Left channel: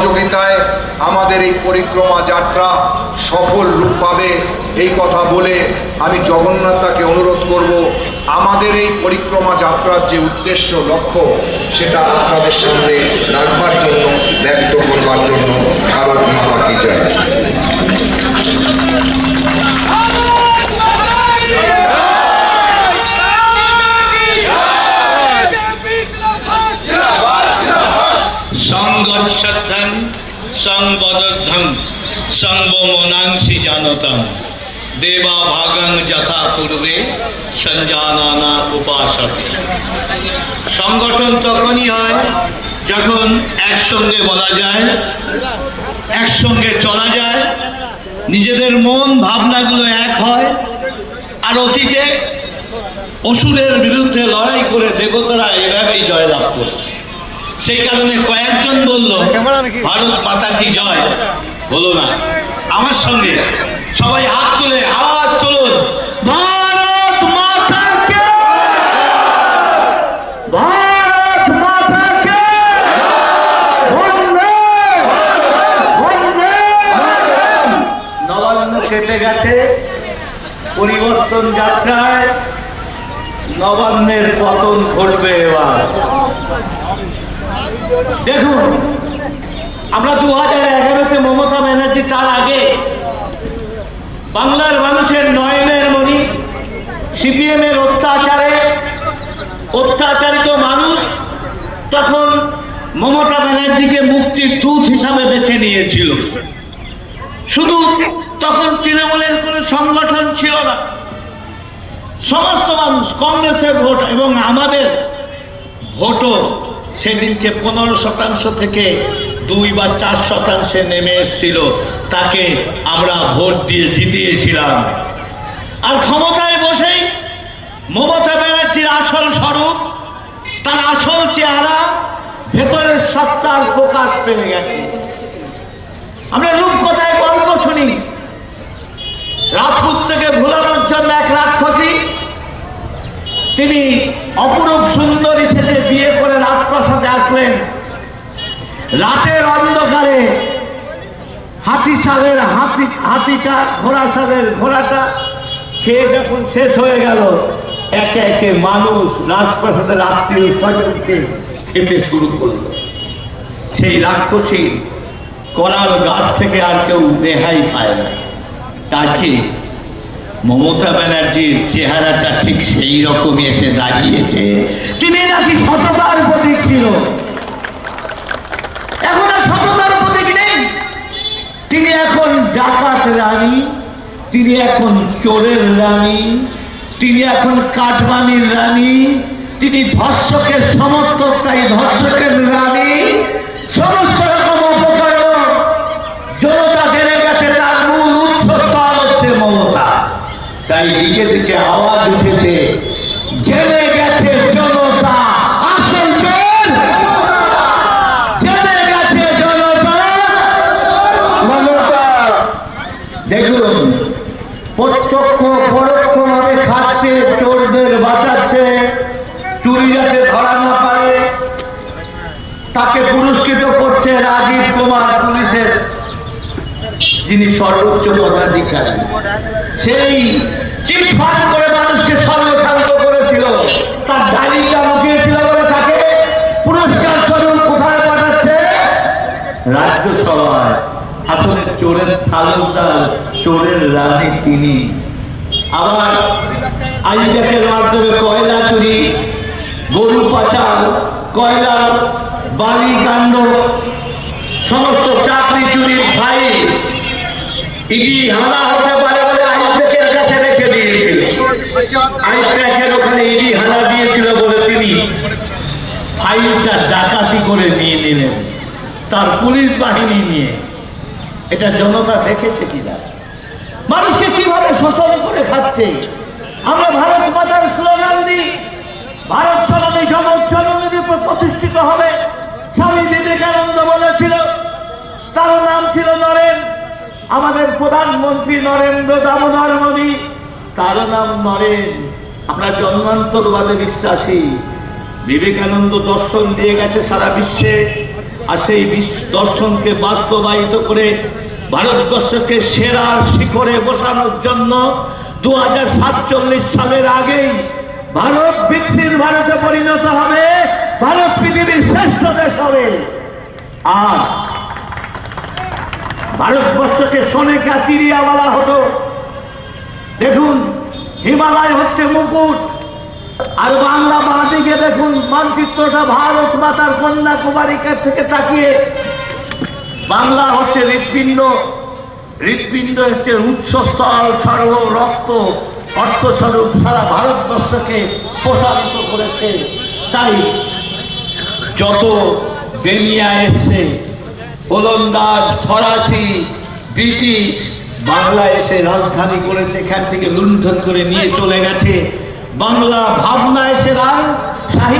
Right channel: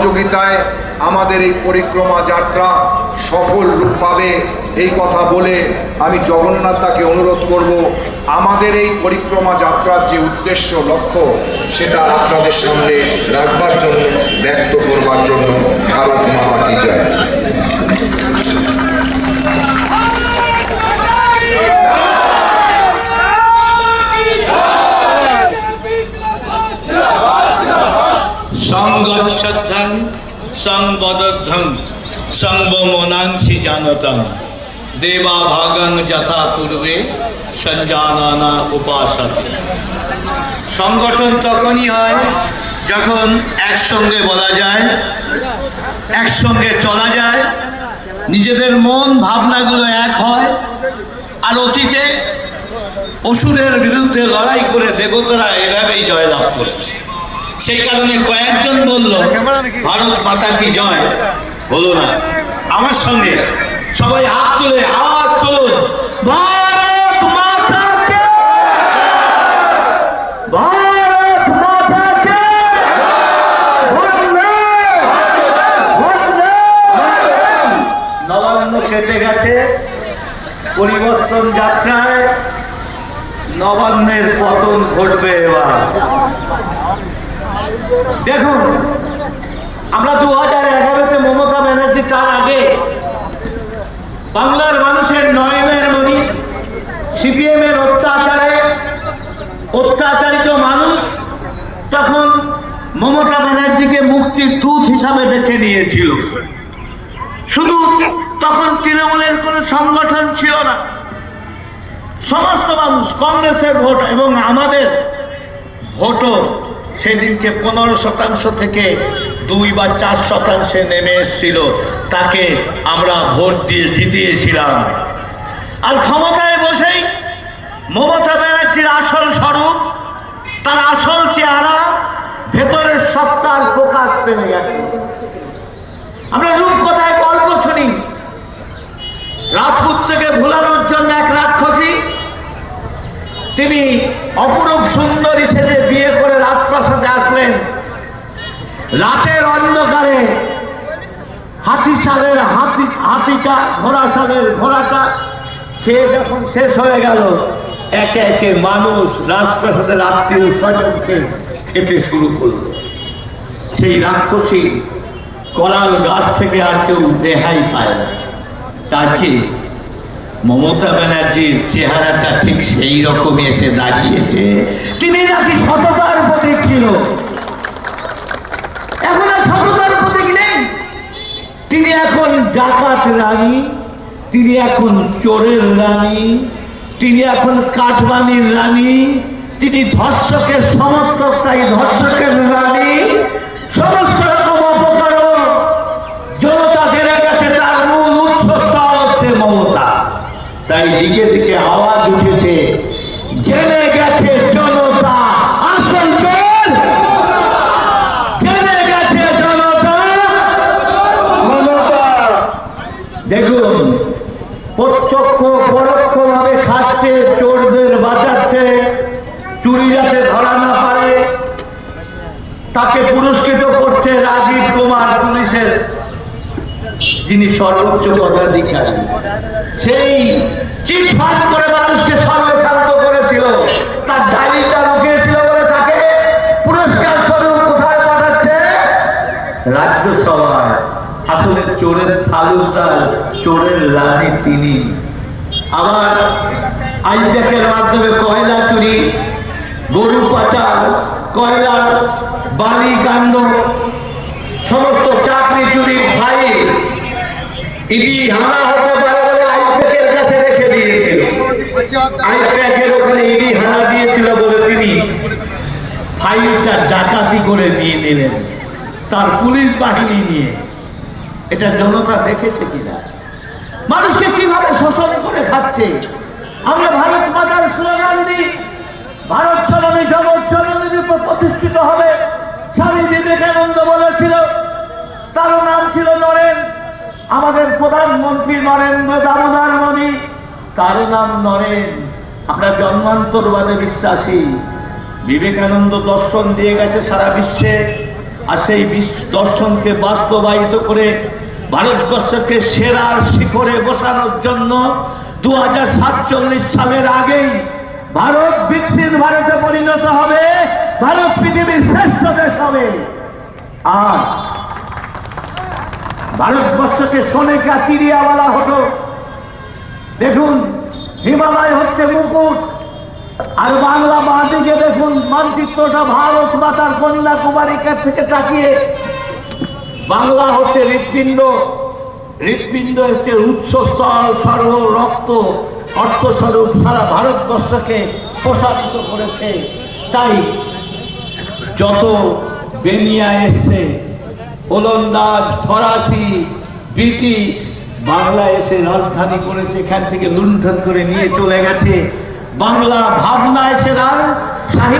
সহযোগিতায় আমাদের এই পরিক্রমা যাত্রা সফল রূপ পাবে এই কথা বলে আমি জগন্নাথ দাকে অনুরোধ করব আমাদের এই পরিক্রমা যাত্রার যে উদ্দেশ্য লক্ষ্য সেটা আপনাদের সামনে রাখবার জন্য, ব্যক্ত করবার জন্য। ভারত মাতা কি জয়। সংগচ্ছদ্ধং সংবদ্ধং সংবমনাংসি জানতং দেবা ভাগং যথা পূর্বে সঞ্জানানা উপাসতে। সংগঠন তখনই হয় যখন একসঙ্গে বলা যায়, একসঙ্গে চলা যায়, নিজেদের মন ভাবনাগুলো এক হয়। আর অতীতে অসুরের বিরুদ্ধে লড়াই করে দেবতারা এভাবেই জয়লাভ করেছে। সেই কারণে কয়েকজন বলল ভারত মাতা কি জয়, হলো না। আমার সঙ্গে সবাই হাত তুলে আওয়াজ তুলুন, ভারত মাতা কি জয়, ভারত মাতা কি জয়। নবান্ন কেটে গেছে, পরিবর্তন যাত্রায় নবান্নের পতন ঘটবে এবার। দেখুন, আমরা 2011-তে মমতা ব্যানার্জি, তার আগে বাংলার মানুষের নয়নের মণি, সিপিএম এর অত্যাচারিত মানুষ তখন মমতা ব্যানার্জিকে মুক্তির দূত হিসাবে বেছে নিয়েছিল। শুধু তখন তৃণমূলের কোনো সংগঠন ছিল না, সমস্ত মানুষ, কংগ্রেসের ভোট এবং আমাদের ভোটও সেদিনকে 15% থেকে 2 বা 4% নেমে এসেছিল। তাকে আমরা ভোট দিয়ে জিতিয়েছিলাম। আর ক্ষমতায় বসেই মমতা ব্যানার্জির আসল স্বরূপ, তার আসল চেহারা, ভেতরের সত্তার প্রকাশ পেয়ে গেছে। আমরা রূপকথায় গল্প শুনি, রাজপুত থেকে ভুলানোর জন্য এক রাক্ষসী, তিনি অপরূপ সুন্দরী সেজে বিয়ে করে রাজপ্রাসাদে আসলেন। রাতের অন্ধকারে ঘোড়াটা খেয়ে যখন শেষ হয়ে গেল, একে একে মানুষ রাজপ্রাসাদের আত্মীয় স্বজনকে খেতে শুরু করল। সেই রাক্ষসী করাল গাছ থেকে আর কেউ রেহাই পায় না। তাকে মমতা ব্যানার্জির চেহারাটা ঠিক সেই রকমই এসে দাঁড়িয়েছে। তিনি নাকি সততার প্রতীক ছিল, এখন আর সততার প্রতীক নেই। তিনি এখন ডাকাত রানী, তিনি এখন চোরের রানী, তিনি এখন কাটমানির রানী, তিনি ধর্ষকের সমর্থক, তাই ধর্ষকের রানী। সমস্ত রকম অপকর্ম জনতা জেনে গেছে, তার মূল উৎসটা হচ্ছে মমতা। তাই দিকে দিকে আওয়াজ উঠেছে, জেনে গেছে জনতা আসল চোর, জেনে গেছে জনতা মমতা। দেখুন, প্রত্যক্ষ পরোক্ষভাবে খাচ্ছে, চোরদের বাঁচাচ্ছে, চুরি যাতে ধরা না পারে তাকে পুরস্কৃত করছে রাজীব কুমার, পুলিশের যিনি সর্বোচ্চ পদাধিকারী। সেই চিটফাট করে মানুষকে সর্বশান্ত করেছিল, তার ডায়েরিটা লুকিয়েছিল বলে তাকে পুরস্কার স্বরূপ কোথায় পাঠাচ্ছে? রাজ্যসভায়। আসলে চোরের তালুকদার, চোরের রানী তিনি। আবার আইপ্যাকের মাধ্যমে কয়লা চুরি, গরু পাচার, কয়লার বালি কাণ্ড, সমস্ত চাকরি চুরির ফাইল ইডি হানা হতে পারে বলে আইপ্যাকের কাছে রেখে দিয়েছিল। আইপ্যাকের ওখানে ইডি হানা দিয়েছিল বলে তিনি ফাইলটা ডাকাতি করে নিয়ে নিলেন, তার পুলিশ বাহিনী নিয়ে। এটা জনতা দেখেছে কিনা, মানুষকে কিভাবে শোষণ করে খাচ্ছে। আমরা ভারত মাতার স্লোগান দিই, ভারত চলনী জগৎ চলনীর উপর প্রতিষ্ঠিত হবে। স্বামী বিবেকানন্দ বলেছিল, তার নাম ছিল নরেন। আমাদের প্রধানমন্ত্রী নরেন্দ্র দামোদর মোদী, তার নাম নরেন। আমরা জন্মান্তরবাদে বিশ্বাসী। বিবেকানন্দ দর্শন দিয়ে গেছে সারা বিশ্বে। আর সেই দর্শনকে বাস্তবায়িত করে ভারতবর্ষকে সেরার শিখরে বসানোর জন্য 2047 সালের আগেই ভারত বিকশিত ভারতে পরিণত হবে, ভারত পৃথিবীর শ্রেষ্ঠ দেশ হবে। আর ভারতবর্ষকে সোনেকা চিড়িয়া বলা হতো। দেখুন, হিমালয় হচ্ছে মুকুট, আর বাংলা বাঁদিকে দেখুন মানচিত্রটা ভারত মাতার কন্যাকুমারিকার থেকে তাকিয়ে। বাংলা হচ্ছে হৃৎপিণ্ড, হৃৎপিণ্ড হচ্ছে উৎসস্থল, সর্ব রক্ত অর্থস্বরূপ সারা ভারতবর্ষকে প্রসারিত করেছে। তাই যত বেনিয়া এসছে, ওলন্দাজ, ফরাসি, ব্রিটিশ বাংলা এসে রাজধানী করেছে, এখান থেকে লুণ্ঠন করে নিয়ে চলে গেছে। বাংলা ভাবনা এসে সাহিত্য